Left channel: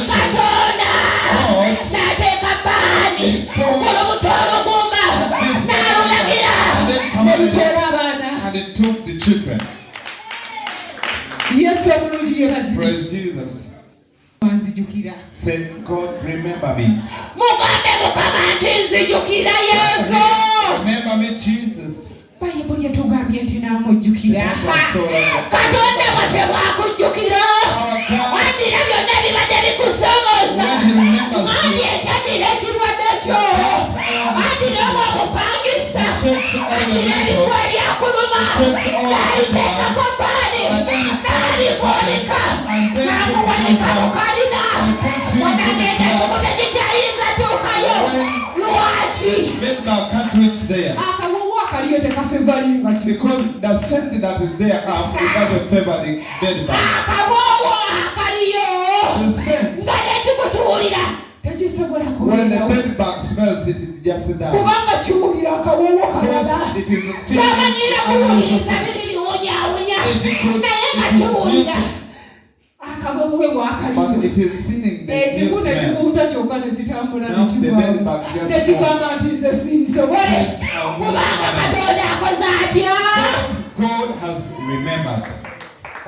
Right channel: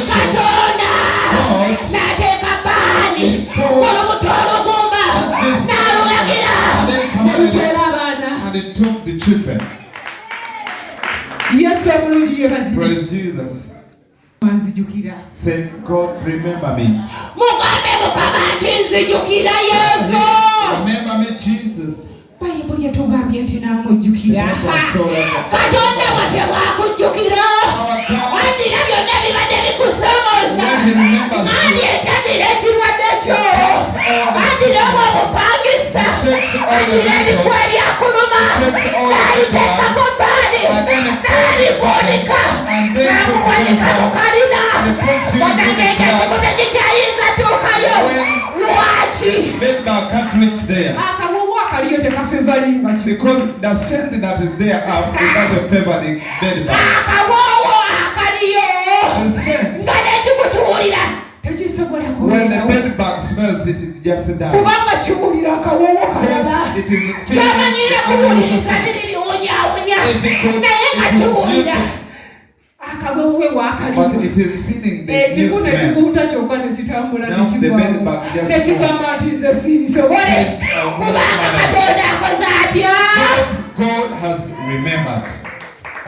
Katonda n'ateeka bbaani olubutolo gumba n'alulagira olutera abaana. And he took the children. Yesu omulungi yeebazibwe. Praise Jesus. Nzijukira. Say, God, remember me. Mugambe Mukama nti nzijukira Yesu. Remember me, Jesus. Bayibuli etugambye nti namujjukira. Katonda waffe bw'akujjukira. Addira byonna ebibadde bikusoomooza. Addira ekirwadde kyo. Addira obwakupangisa. Addira ebikuwa ebyakuluma. Aliteekako bbaani. N'alikuwanika. N'amuwanika mu kalina. Mugambe ng'ekibuga gikyayinza tuukayo. Lwaki? Can't reach there. Because the scent that is there up, it doesn't favor the bed bug. The scent. When the bed bug smells it, it just dies. Because it is but it is feeling the new smell. Now the bed bug just God has remembered. I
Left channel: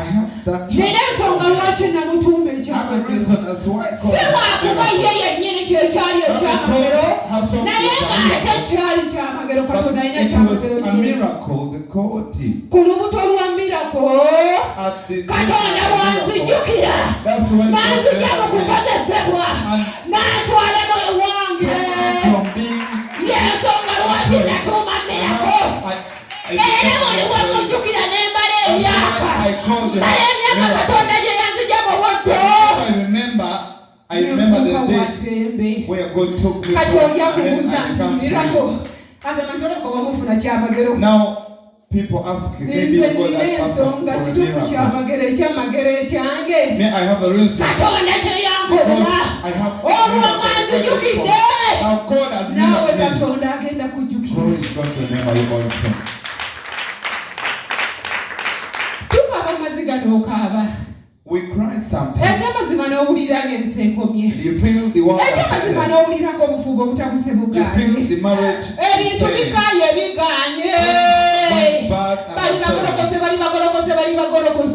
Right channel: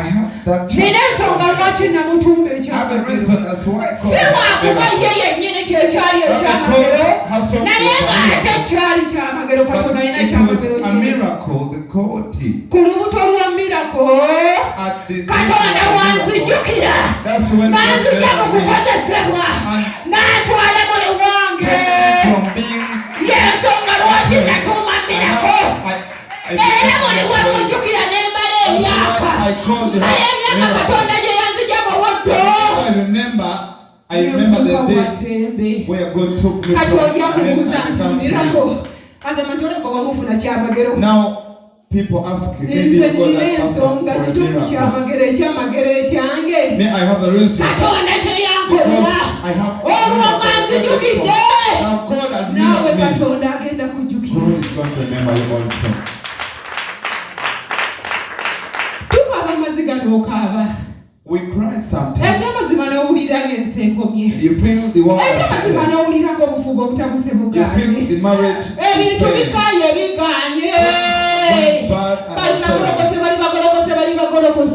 have that child. I have a reason as to why God it was a miracle, the God did. At the that's when I remember the days where God took me from. Now people ask me, maybe God has passed for a miracle. May I have a reason? Because I have now God has remembered me. God is going to remember you also. We cry sometimes. You feel the world is silent. You feel the marriage is failing.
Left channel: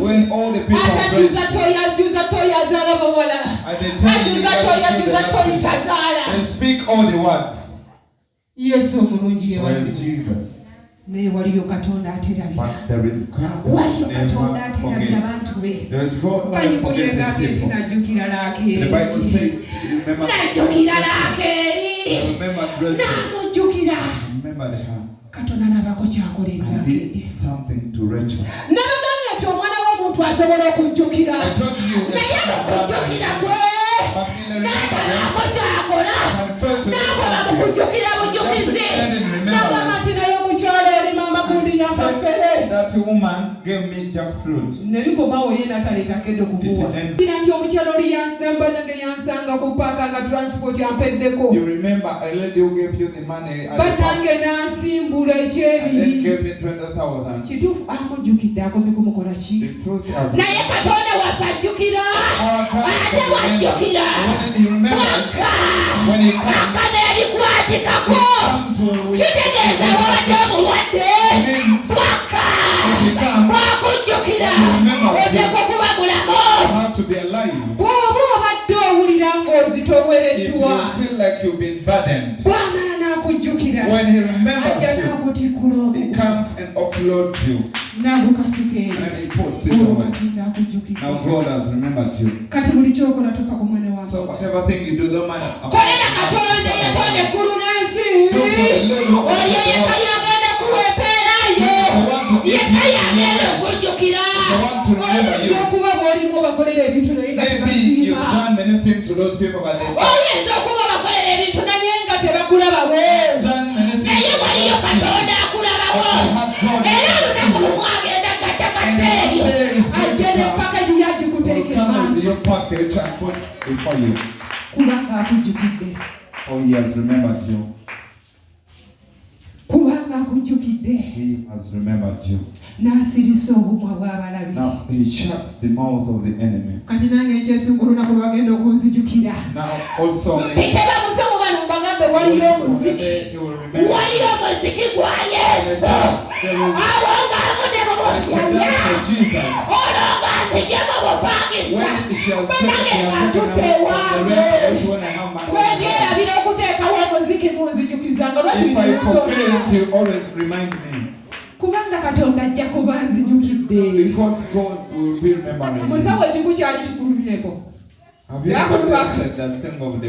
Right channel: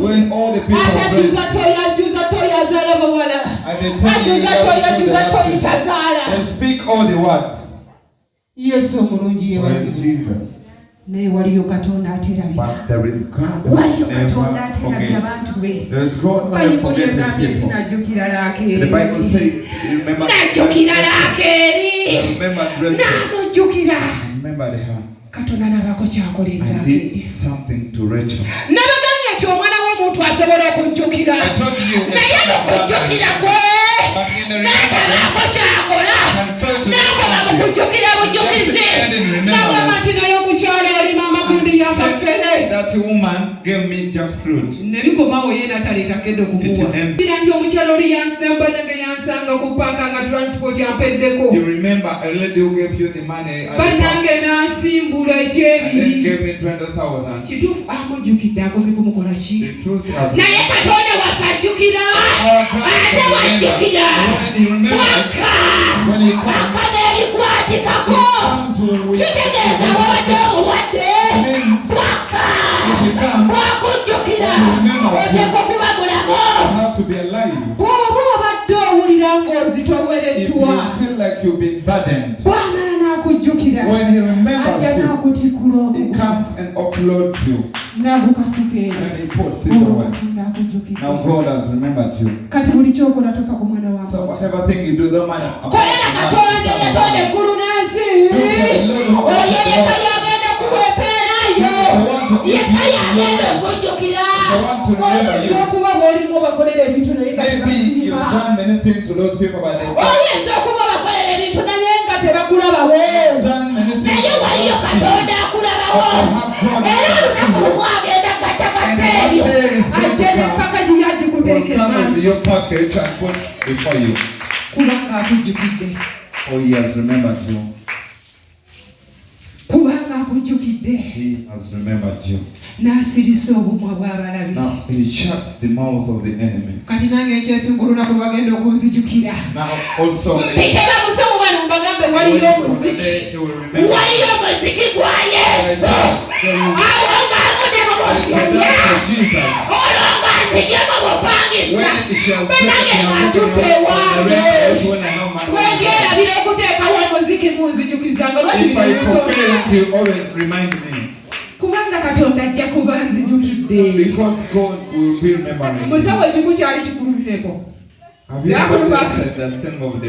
When all the people are praising and speak all the words. Praise Jesus. But there is God that never forget. There is God that never forget his people. The Bible says, remember remember her. And did something to Rachel. I told you, but in that woman gave me jackfruit. You remember a lady who gave you the money at the park and then gave me 20,000. The truth has when he comes to be alive. If you feel like you've been burdened, when he remembers you, he comes and offloads you. And he puts it away. Now God has remembered you. So whatever thing you do, don't mind. Maybe you've done many things to those people, but they've done many things with your package and put before you. Oh, he has remembered you. He has remembered you. Now he shuts the mouth of the enemy. Now also he will remember Jesus. When it shall take when I have money. If I forget to always remind me. Because God will be remembering. Have you ever listed the stem of the